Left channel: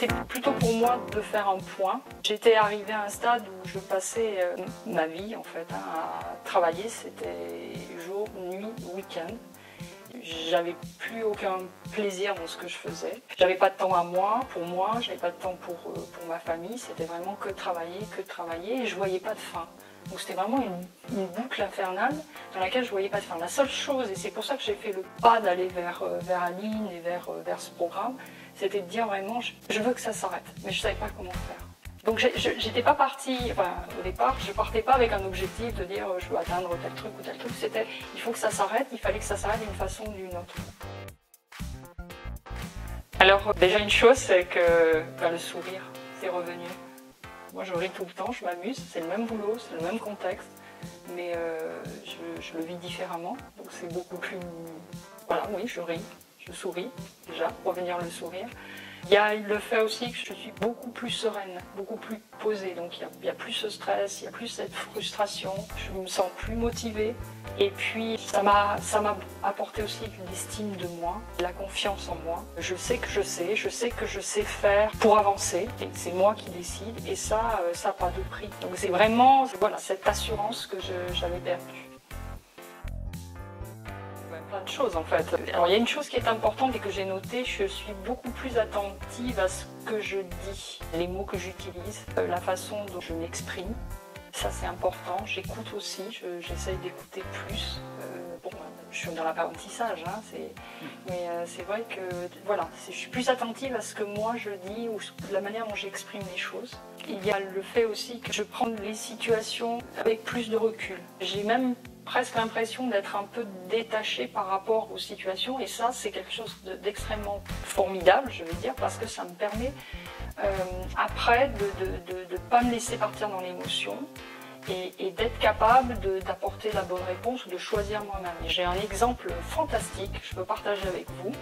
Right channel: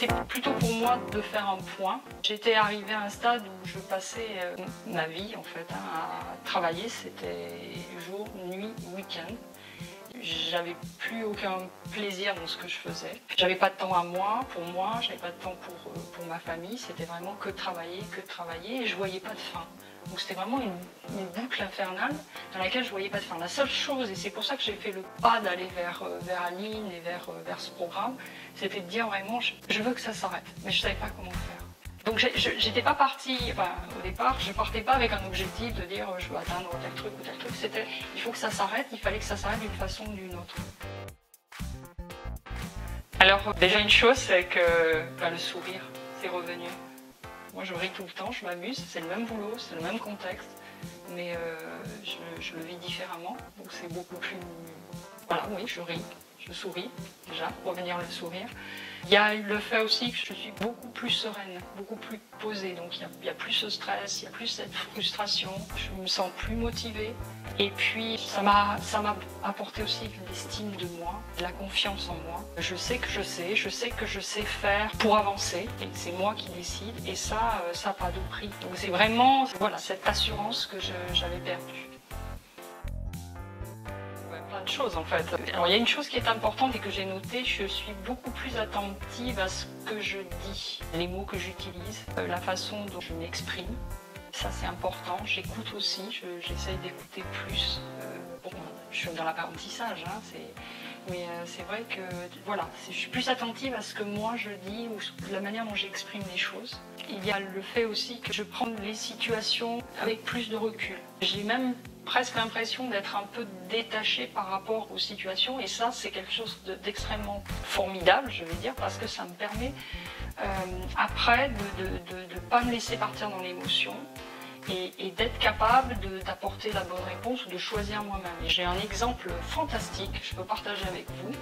c'était plutôt pour moi de faire un point. J'étais arrivée à un stade où je passais ma vie en fait à travailler, c'était jour, nuit, week-end. J'avais plus aucun plaisir dans ce que je faisais. J'avais pas de temps à moi, j'avais pas de temps pour ma famille, c'était vraiment que travailler et je voyais pas de fin. Donc c'était vraiment une boucle infernale dans laquelle je voyais pas de fin. La seule chose, et c'est pour ça que j'ai fait le pas d'aller vers Aline et vers ce programme, c'était de dire vraiment je veux que ça s'arrête, mais je savais pas comment faire. Donc j'étais pas partie, enfin, au départ, je partais pas avec un objectif de dire je veux atteindre tel truc ou tel truc, c'était il faut que ça s'arrête, il fallait que ça s'arrête d'une façon ou d'une autre. Alors déjà une chose, c'est que le sourire, c'est revenu. Moi je ris tout le temps, je m'amuse, c'est le même boulot, c'est le même contexte, mais je le vis différemment, donc c'est beaucoup plus... Voilà, oui, je ris, je souris, déjà, revenir le sourire. Il y a le fait aussi que je suis beaucoup plus sereine, beaucoup plus posée, donc il y a plus ce stress, il y a plus cette frustration, je me sens plus motivée. Et puis ça m'a apporté aussi une estime de moi, la confiance en moi. Je sais que je sais faire pour avancer, et c'est moi qui décide, et ça n'a pas de prix. Donc c'est vraiment voilà, cette assurance que j'avais perdue. Plein de choses en fait. Alors il y a une chose qui est importante et que j'ai notée, je suis beaucoup plus attentive à ce que je dis, les mots que j'utilise, la façon dont je m'exprime. Ça c'est important, j'écoute aussi, j'essaye d'écouter plus. Bon, je suis dans l'apprentissage, hein, mais c'est vrai que voilà, je suis plus attentive à ce que moi je dis ou la manière dont j'exprime les choses. Il y a le fait aussi que je prends les situations avec plus de recul. J'ai même presque l'impression d'être un peu détachée par rapport aux situations et ça c'est quelque chose d'extrêmement formidable, je vais dire, parce que ça me permet après de ne pas me laisser partir dans l'émotion et d'être capable d'apporter la bonne réponse ou de choisir moi-même. J'ai un exemple fantastique, je peux partager avec vous.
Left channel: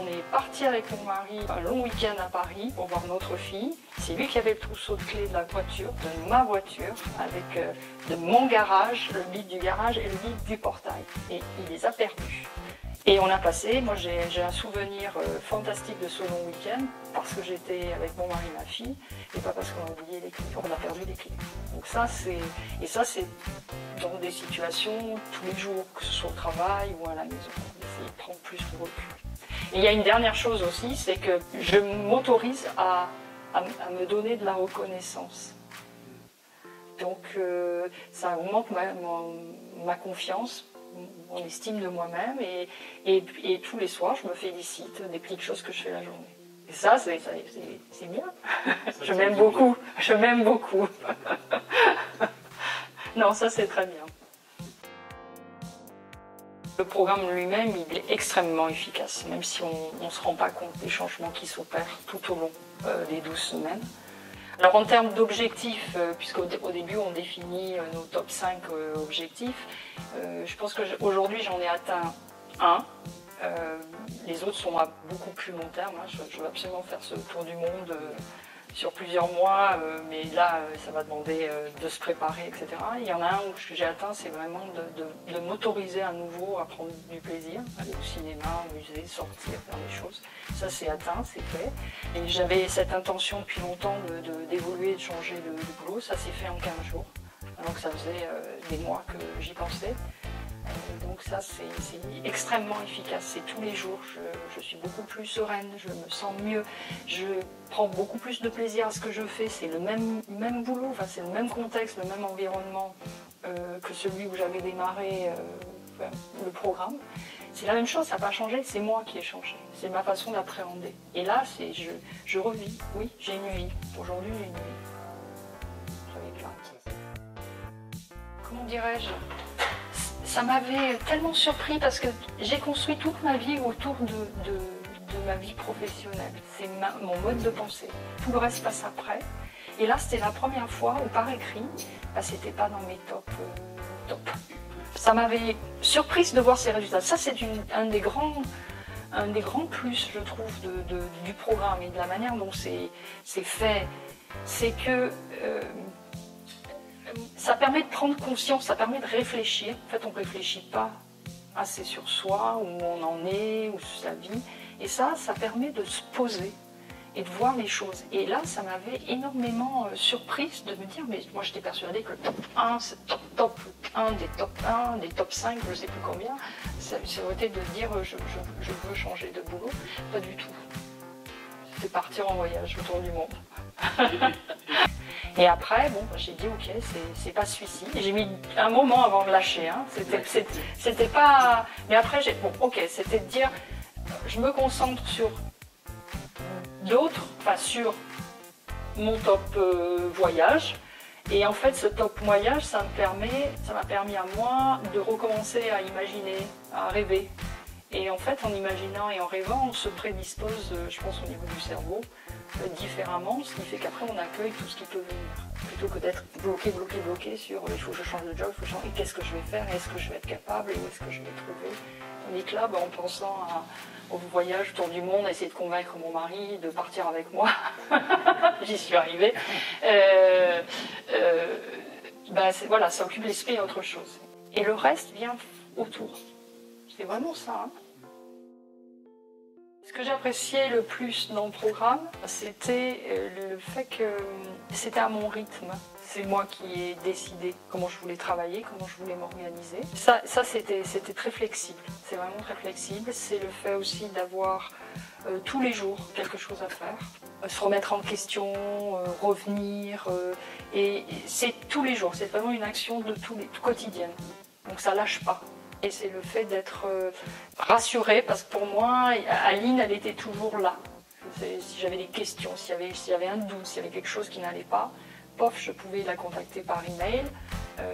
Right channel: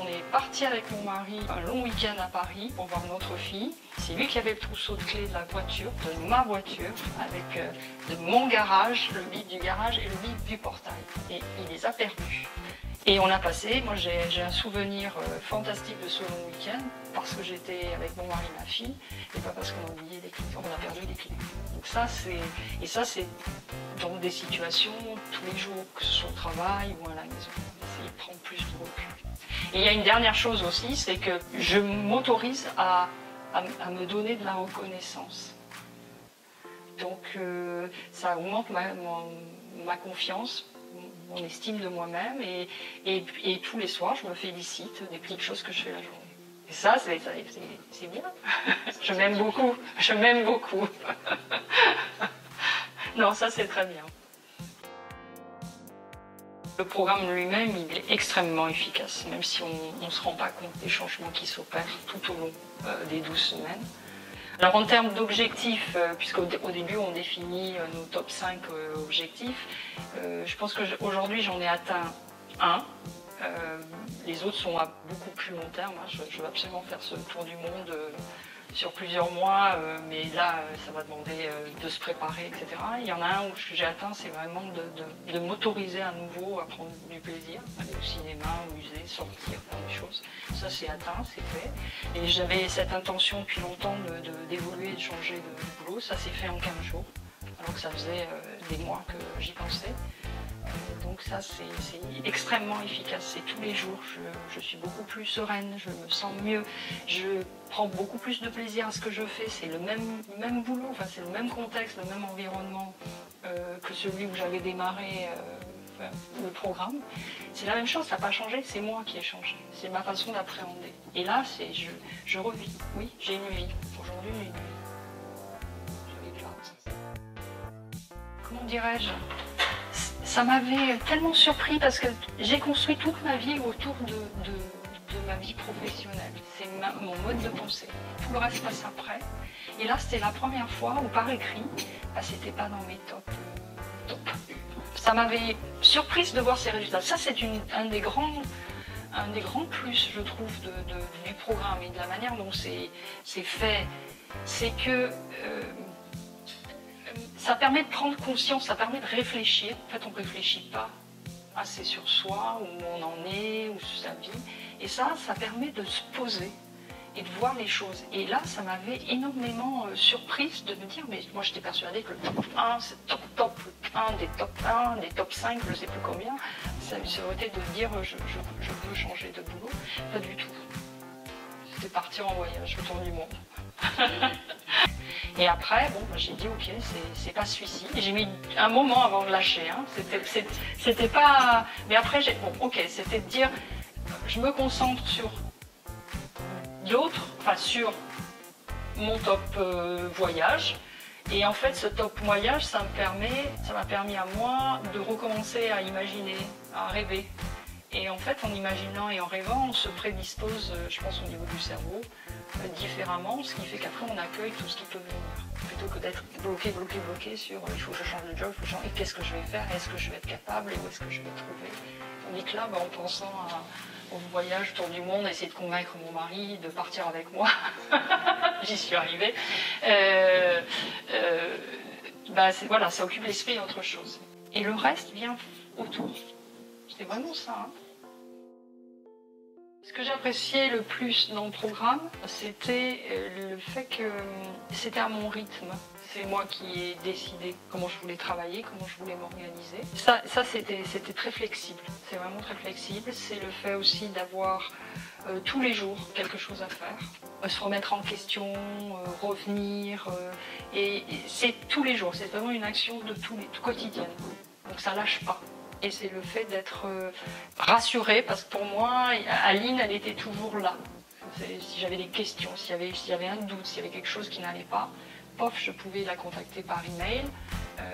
On est parti avec mon mari un long week-end à Paris pour voir notre fille. C'est lui qui avait le trousseau de clés de la voiture, de ma voiture, avec de mon garage, le bip du garage et le bip du portail. Et il les a perdus. Et on a passé, moi j'ai un souvenir fantastique de ce long week-end parce que j'étais avec mon mari et ma fille et pas parce qu'on a oublié les clés, on a perdu les clés. Donc ça c'est dans des situations tous les jours, que ce soit au travail ou à la maison, c'est prendre plus de recul. Et il y a une dernière chose aussi, c'est que je m'autorise à me donner de la reconnaissance. Donc ça augmente ma confiance, mon estime de moi-même et tous les soirs je me félicite des petites choses que je fais la journée. Et ça c'est bien. Je m'aime beaucoup, je m'aime beaucoup. Non, ça c'est très bien. Le programme lui-même, il est extrêmement efficace, même si on ne se rend pas compte des changements qui s'opèrent tout au long des 12 semaines. Alors en termes d'objectifs, puisqu'au début on définit nos top 5 objectifs, je pense qu'aujourd'hui j'en ai atteint un. Les autres sont à beaucoup plus long terme. Hein. Je veux absolument faire ce tour du monde sur plusieurs mois, mais là ça va demander de se préparer, etc. Il y en a un où j'ai atteint, c'est vraiment de m'autoriser à nouveau à prendre du plaisir, aller au cinéma, au musée, sortir, faire des choses. Ça c'est atteint, c'est fait. Et j'avais cette intention depuis longtemps d'évoluer, de changer de boulot. Ça s'est fait en 15 jours, alors que ça faisait des mois que j'y pensais. Donc ça c'est extrêmement efficace, c'est tous les jours, je suis beaucoup plus sereine, je me sens mieux, je prends beaucoup plus de plaisir à ce que je fais, c'est le même boulot, enfin, c'est le même contexte, le même environnement que celui où j'avais démarré le programme. C'est la même chose, ça n'a pas changé, c'est moi qui ai changé, c'est ma façon d'appréhender. Et là je revis, oui j'ai une vie, aujourd'hui j'ai une vie, j'avais plein. Comment dirais-je ? Ça m'avait tellement surpris parce que j'ai construit toute ma vie autour de ma vie professionnelle. C'est mon mode de pensée. Tout le reste passe après. Et là, c'était la première fois où par écrit, c'était pas dans mes top. Ça m'avait surprise de voir ces résultats. Ça, c'est un des grands plus, je trouve, du programme et de la manière dont c'est fait. C'est que ça permet de prendre conscience, ça permet de réfléchir. En fait, on ne réfléchit pas assez sur soi, où on en est, ou sur sa vie. Et ça permet de se poser et de voir les choses. Et là, ça m'avait énormément surprise de me dire, mais moi j'étais persuadée que le top 1, c'est top 1 des top 1, des top 5, je ne sais plus combien, ça aurait été de dire je veux changer de boulot. Pas du tout. C'était partir en voyage autour du monde. Et après, bon, j'ai dit ok, c'est pas celui-ci. J'ai mis un moment avant de lâcher. Hein. C'était pas. Mais après, bon, ok, c'était de dire, je me concentre sur d'autres, enfin sur mon top voyage. Et en fait, ce top voyage, ça m'a permis à moi de recommencer à imaginer, à rêver. Et en fait, en imaginant et en rêvant, on se prédispose, je pense, au niveau du cerveau, différemment, ce qui fait qu'après, on accueille tout ce qui peut venir. Plutôt que d'être bloqué sur il faut que je change de job, il faut changer, qu'est-ce que je vais faire, est-ce que je vais être capable, et où est-ce que je vais trouver. Tandis que là, en pensant au voyage autour du monde, à essayer de convaincre mon mari de partir avec moi, j'y suis arrivée, voilà, ça occupe l'esprit et autre chose. Et le reste vient autour. C'est vraiment ça. Hein. Ce que j'appréciais le plus dans le programme, c'était le fait que c'était à mon rythme. C'est moi qui ai décidé comment je voulais travailler, comment je voulais m'organiser. Ça c'était très flexible. C'est vraiment très flexible. C'est le fait aussi d'avoir tous les jours quelque chose à faire. Se remettre en question, revenir. Et c'est tous les jours. C'est vraiment une action de quotidienne. Donc ça lâche pas. Et c'est le fait d'être rassurée, parce que pour moi, Aline, elle était toujours là. Si j'avais des questions, s'il y avait un doute, s'il y avait quelque chose qui n'allait pas, pof, je pouvais la contacter par email.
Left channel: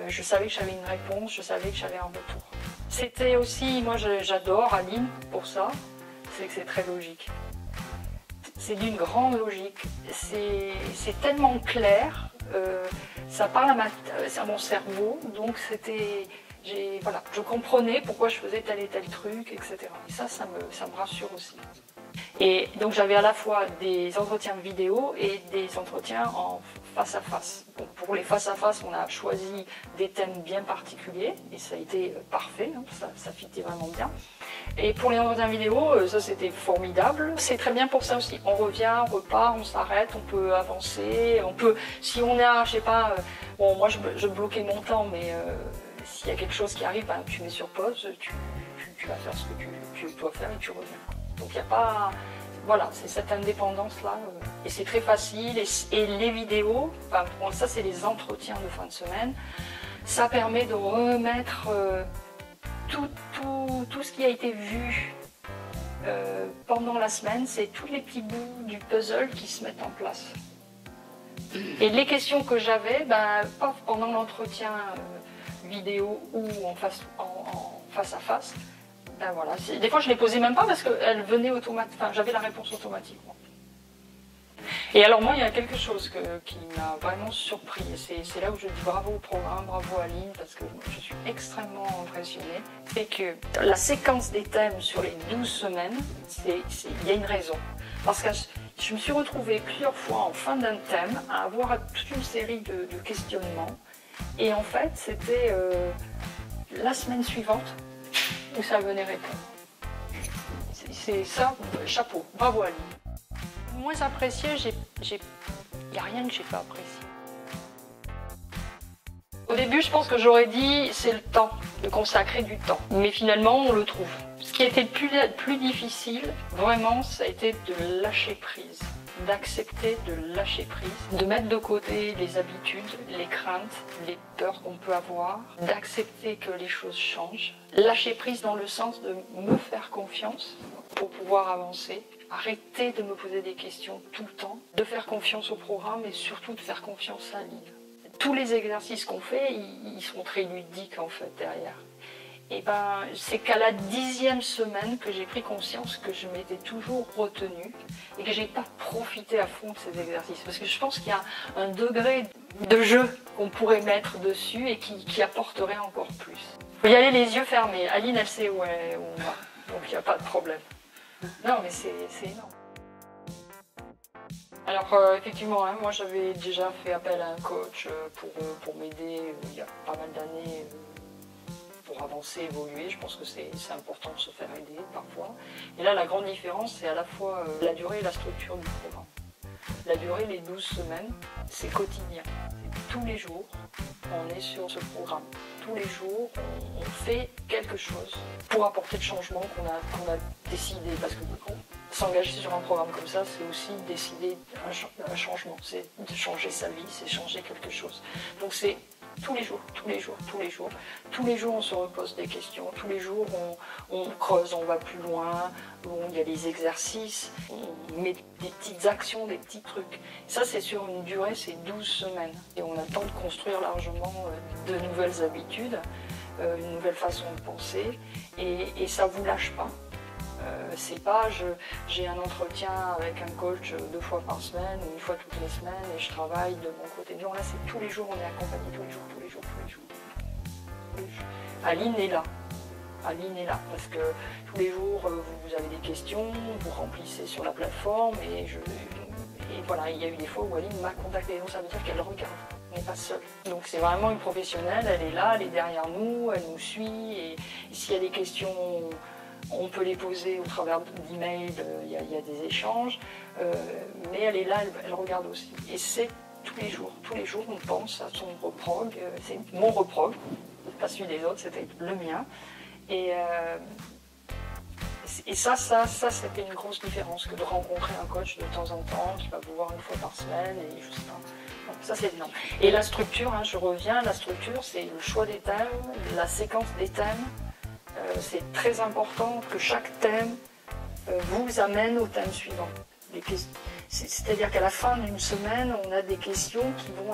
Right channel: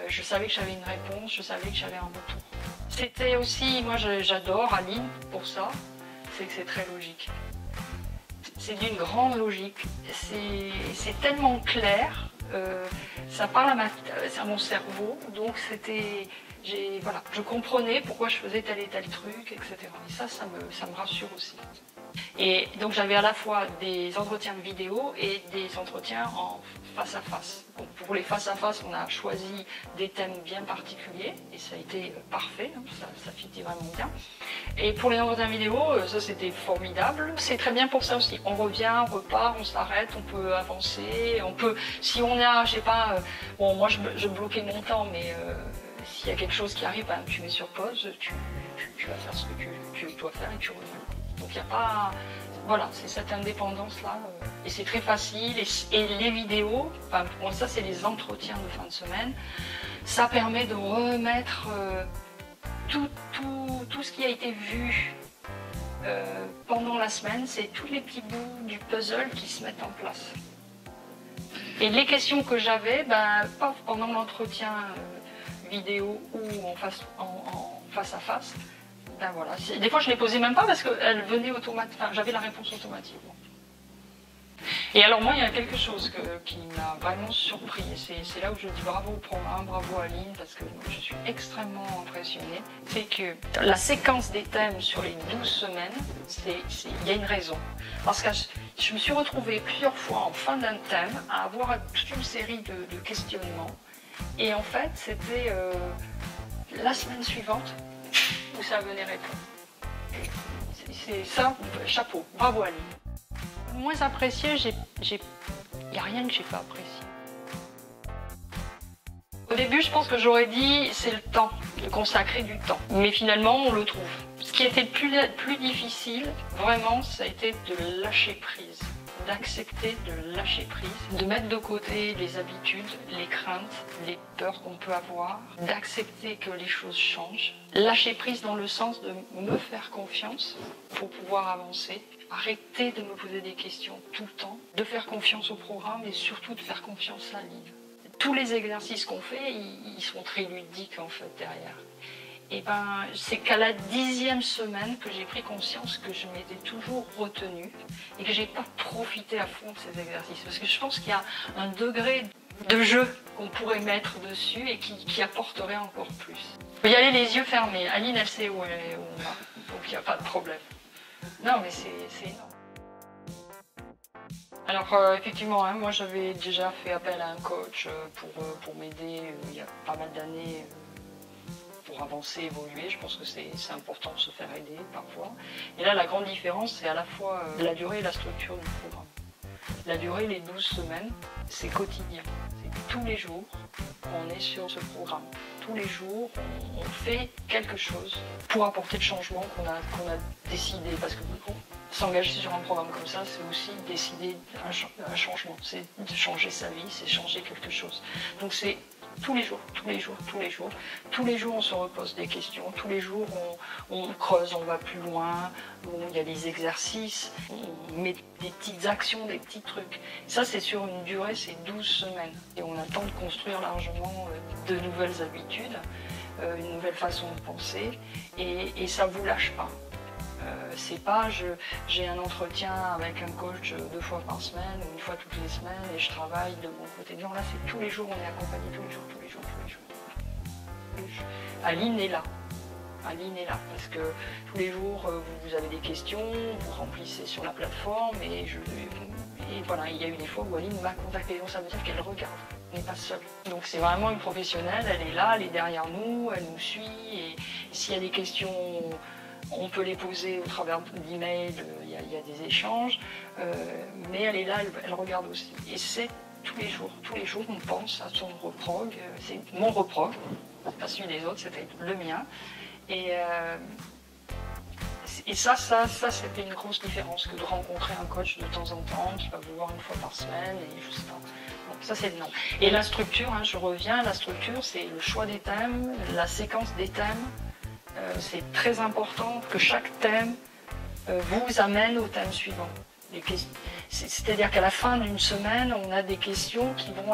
Je savais que j'avais une réponse, je savais que j'avais un retour. C'était aussi, moi j'adore Aline pour ça, c'est que c'est très logique. C'est d'une grande logique, c'est tellement clair, ça parle à mon cerveau, donc c'était... Voilà, je comprenais pourquoi je faisais tel et tel truc, etc. Et ça me rassure aussi. Et donc j'avais à la fois des entretiens vidéo et des entretiens en face à face. Donc pour les face à face, on a choisi des thèmes bien particuliers et ça a été parfait, hein, ça fitait vraiment bien. Et pour les entretiens vidéo, ça c'était formidable. C'est très bien pour ça aussi. On revient, on repart, on s'arrête, on peut avancer, on peut, si on a, je sais pas, bon moi je bloquais mon temps, mais s'il y a quelque chose qui arrive, tu mets sur pause, tu vas faire ce que tu dois faire et tu reviens. Donc il n'y a pas... Voilà, c'est cette indépendance-là. Et c'est très facile. Et les vidéos, bon, ça c'est les entretiens de fin de semaine, ça permet de remettre tout ce qui a été vu pendant la semaine. C'est tous les petits bouts du puzzle qui se mettent en place. Et les questions que j'avais, pendant l'entretien vidéo ou en face à face, voilà. Des fois je ne les posais même pas parce qu'elles venaient automatiquement, j'avais la réponse automatiquement. Et alors moi il y a quelque chose qui m'a vraiment surpris, c'est là où je dis bravo au programme, bravo à Aline, parce que je suis extrêmement impressionnée. C'est que la séquence des thèmes sur les 12 semaines, il y a une raison. Parce que je me suis retrouvée plusieurs fois en fin d'un thème à avoir toute une série de questionnements. Et en fait, c'était la semaine suivante où ça venait répondre. C'est ça, chapeau, bravo Aline. Moins apprécié, il n'y a rien que j'ai pas apprécié. Au début, je pense que j'aurais dit c'est le temps, de consacrer du temps. Mais finalement, on le trouve. Ce qui était le plus difficile, vraiment, ça a été de lâcher prise. D'accepter de lâcher prise, de mettre de côté les habitudes, les craintes, les peurs qu'on peut avoir, d'accepter que les choses changent. Lâcher prise dans le sens de me faire confiance pour pouvoir avancer, arrêter de me poser des questions tout le temps, de faire confiance au programme et surtout de faire confiance à Aline. Tous les exercices qu'on fait, ils sont très ludiques en fait derrière. Et c'est qu'à la 10e semaine que j'ai pris conscience que je m'étais toujours retenue et que j'ai pas profité à fond de ces exercices. Parce que je pense qu'il y a un degré de jeu qu'on pourrait mettre dessus et qui apporterait encore plus. Il faut y aller les yeux fermés. Aline, elle sait où on va. Donc il n'y a pas de problème. Non, mais c'est énorme. Alors effectivement, hein, moi j'avais déjà fait appel à un coach pour m'aider il y a pas mal d'années. Pour pour avancer, évoluer. Je pense que c'est important de se faire aider parfois. Et là, la grande différence, c'est à la fois la durée et la structure du programme. La durée, les 12 semaines, c'est quotidien. Tous les jours, on est sur ce programme. Tous les jours, on fait quelque chose pour apporter le changement qu'on a décidé. Parce que s'engager sur un programme comme ça, c'est aussi décider un changement. C'est de changer sa vie, c'est changer quelque chose. Donc c'est tous les jours, tous les jours, tous les jours. Tous les jours, on se repose des questions. Tous les jours, on creuse, on va plus loin. Il y a des exercices, on met des petites actions, des petits trucs. Ça, c'est sur une durée, c'est 12 semaines. Et on a le temps de construire largement de nouvelles habitudes, une nouvelle façon de penser. Et ça ne vous lâche pas. C'est pas j'ai un entretien avec un coach 2 fois par semaine, ou 1 fois toutes les semaines, et je travaille de mon côté. Non, là, c'est tous les jours, on est accompagné, tous les jours, tous les jours, tous les jours. Aline est là. Aline est là, parce que tous les jours, vous avez des questions, vous remplissez sur la plateforme, et voilà, il y a eu des fois où Aline m'a contacté, donc ça veut dire qu'elle regarde. On n'est pas seul. Donc c'est vraiment une professionnelle, elle est là, elle est derrière nous, elle nous suit, et s'il y a des questions, on peut les poser au travers d'emails, il y a des échanges, mais elle est là, elle regarde aussi. Et c'est tous les jours, on pense à son reprog, c'est mon reprog, pas celui des autres, c'était le mien. Et ça c'était une grosse différence que de rencontrer un coach de temps en temps, qui va vous voir 1 fois par semaine, et je sais pas. Donc ça c'est énorme. Et la structure, je reviens, la structure, c'est le choix des thèmes, la séquence des thèmes. C'est très important que chaque thème vous amène au thème suivant. C'est-à-dire qu'à la fin d'une semaine, on a des questions qui vont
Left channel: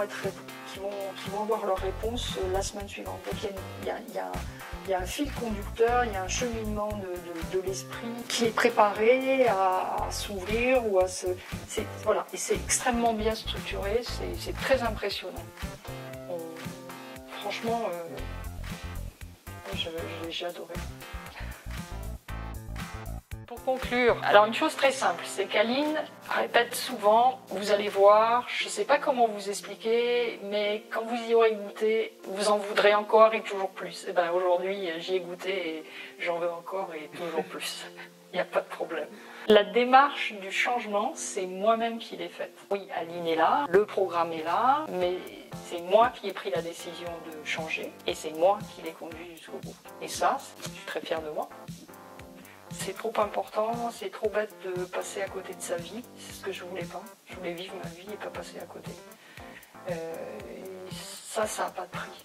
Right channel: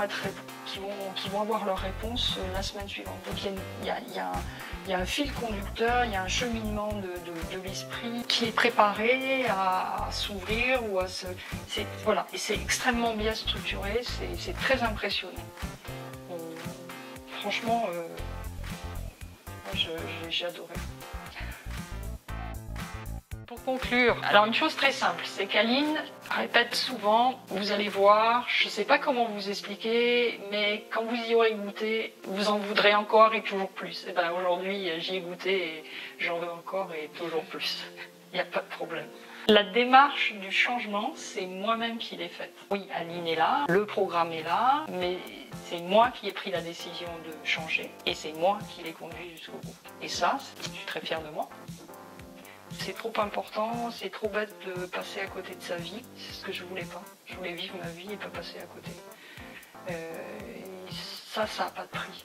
avoir leur réponse la semaine suivante. Donc il y a un fil conducteur, il y a un cheminement de l'esprit qui est préparé à s'ouvrir ou à se... Voilà, et c'est extrêmement bien structuré, c'est très impressionnant. Franchement, j'ai adoré. Pour conclure, alors une chose très simple, c'est qu'Aline répète souvent, vous allez voir, je ne sais pas comment vous expliquer, mais quand vous y aurez goûté, vous en voudrez encore et toujours plus. Et ben aujourd'hui, j'y ai goûté et j'en veux encore et toujours plus. Il n'y a pas de problème. La démarche du changement, c'est moi-même qui l'ai faite. Oui, Aline est là, le programme est là, mais c'est moi qui ai pris la décision de changer et c'est moi qui l'ai conduit jusqu'au bout. Et ça, je suis très fière de moi. C'est trop important, c'est trop bête de passer à côté de sa vie. C'est ce que je voulais pas. Je voulais vivre ma vie et pas passer à côté. Ça n'a pas de prix.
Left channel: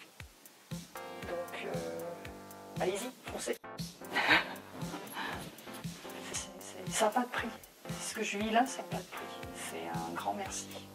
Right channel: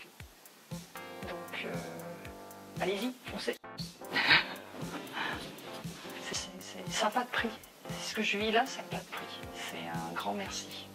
Donc, allez-y, foncez. Ça n'a pas de prix. Ce que je vis là, ça n'a pas de prix. C'est un grand merci.